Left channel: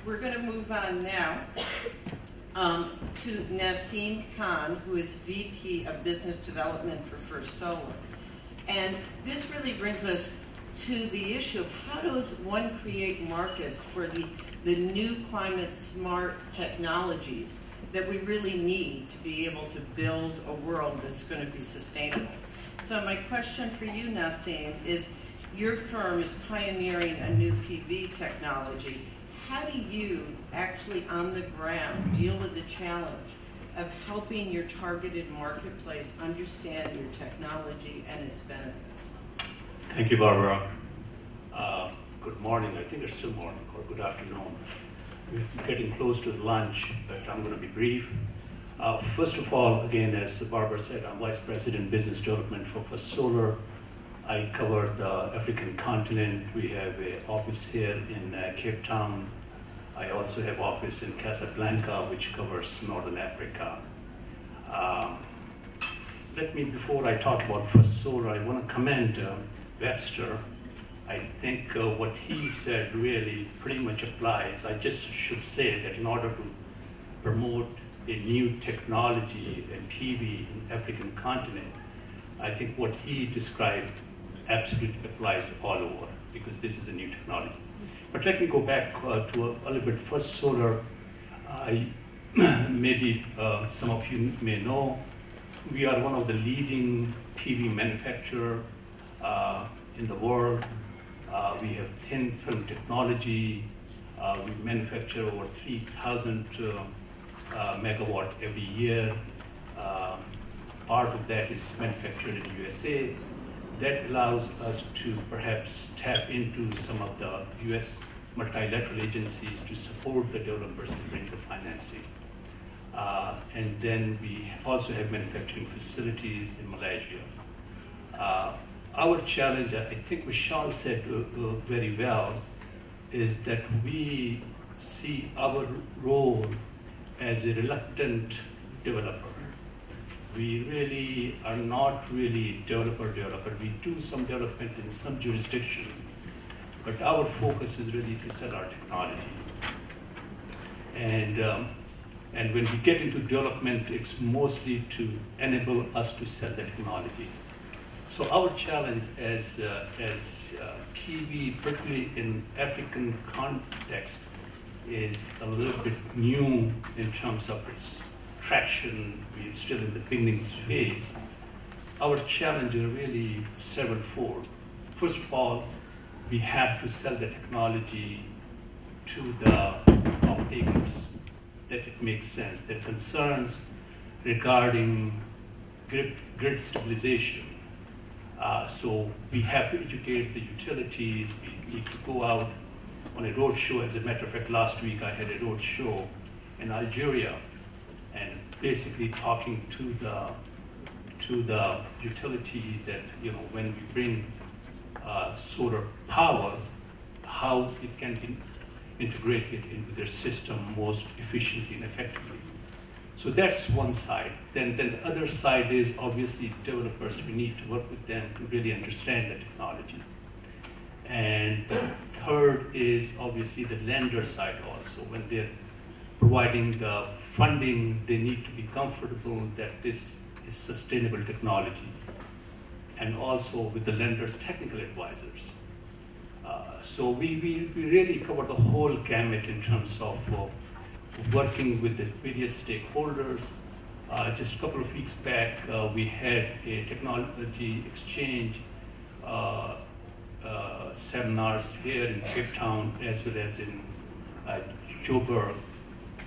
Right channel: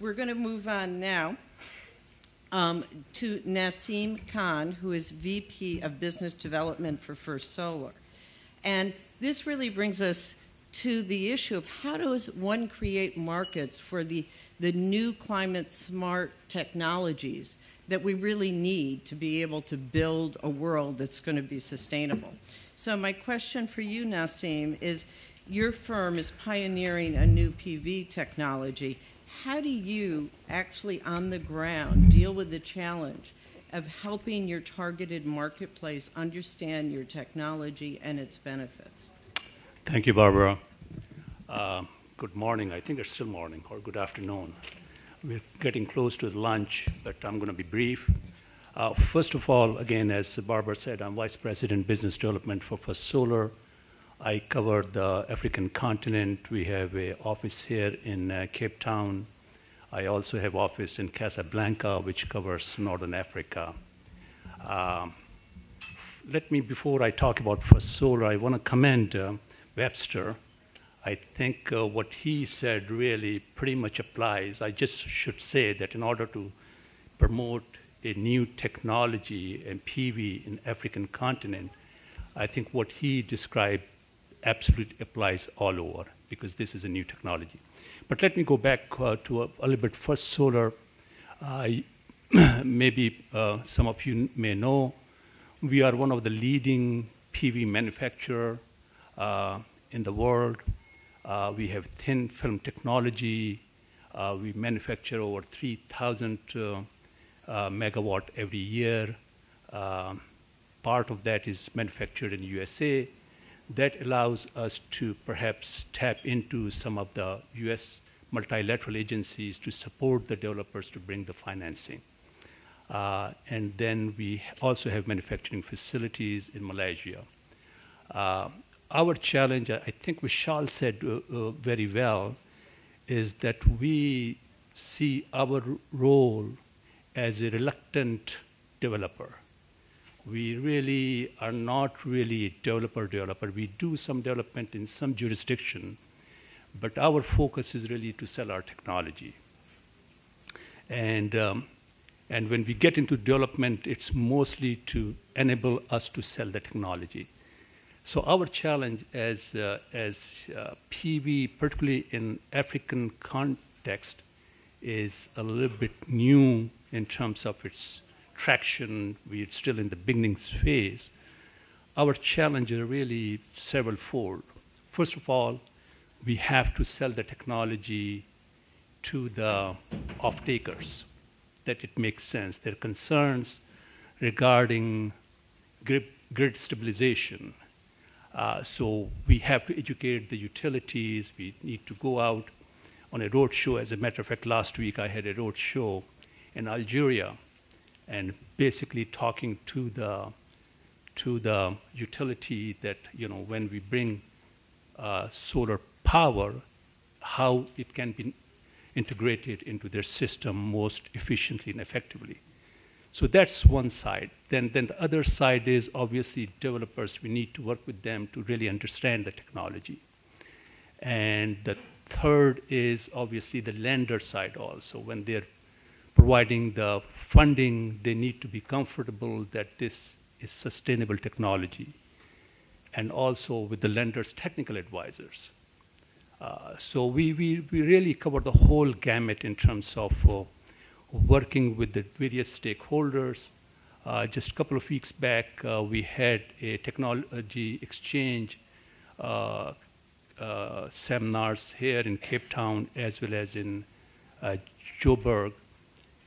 We're going to move on now to Nasim Khan, who is VP of Business Development for First Solar. And this really brings us to the issue of how does one create markets for the new climate-smart technologies that we really need to be able to build a world that's going to be sustainable. So my question for you, Nasim, is your firm is pioneering a new PV technology. How do you actually on the ground deal with the challenge of helping your targeted marketplace understand your technology and its benefits? Thank you, Barbara. Good morning. I think it's still morning, or good afternoon. We're getting close to lunch, but I'm going to be brief. First of all, again, as Barbara said, I'm Vice President Business Development for First Solar. I cover the African continent. We have an office here in Cape Town. I also have office in Casablanca, which covers Northern Africa. Before I talk about First Solar, I want to commend Webster. I think what he said really pretty much applies. I just should say that in order to promote a new technology in PV in African continent, I think what he described absolutely applies all over, because this is a new technology. But let me go back to a little bit. First Solar, maybe some of you may know, we are one of the leading PV manufacturer in the world. We have thin film technology. We manufacture over 3,000 megawatt every year. Part of that is manufactured in USA. That allows us to perhaps tap into some of the US multilateral agencies to support the developers to bring the financing. And then we also have manufacturing facilities in Malaysia. Our challenge, I think Vishal said very well, is that we see our role as a reluctant developer. We really are not really developer. We do some development in some jurisdiction, but our focus is really to sell our technology. And when we get into development, it's mostly to enable us to sell the technology. So our challenge as PV, particularly in African context, is a little bit new in terms of its traction. We're still in the beginning phase. Our challenge is really several-fold. First of all, we have to sell the technology to the off-takers, that it makes sense. There are concerns regarding grid stabilization. So we have to educate the utilities. We need to go out on a road show. As a matter of fact, last week I had a road show in Algeria, and basically talking to the utility that, when we bring solar power, how it can be integrated into their system most efficiently and effectively. So that's one side. Then the other side is obviously developers. We need to work with them to really understand the technology. And the third is obviously the lender side also. When they're providing the funding, they need to be comfortable that this is sustainable technology. And also with the lenders' technical advisors. So we really cover the whole gamut in terms of working with the various stakeholders. Just a couple of weeks back, we had a technology exchange seminars here in Cape Town as well as in Joburg,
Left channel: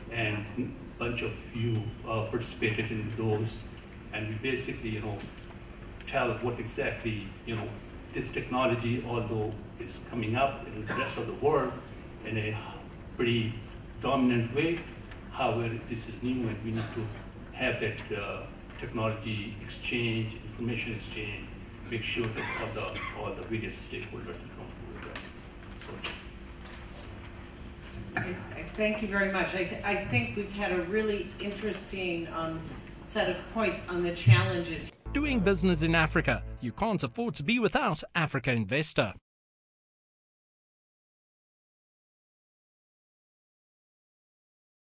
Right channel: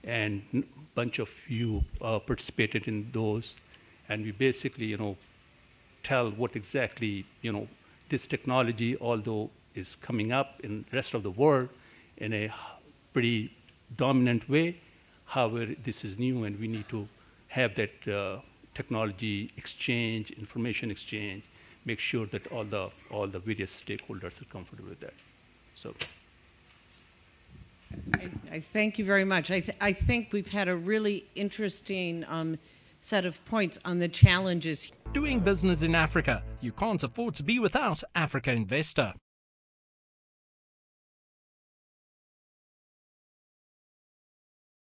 and a bunch of you participated in those, and we basically, tell what exactly, this technology, although is coming up in the rest of the world in a pretty dominant way, however, this is new and we need to have that technology exchange, information exchange, make sure that all the various stakeholders are comfortable with that. So. I thank you very much. I think we've had a really interesting set of points on the challenges. Doing business in Africa. You can't afford to be without Africa Investor.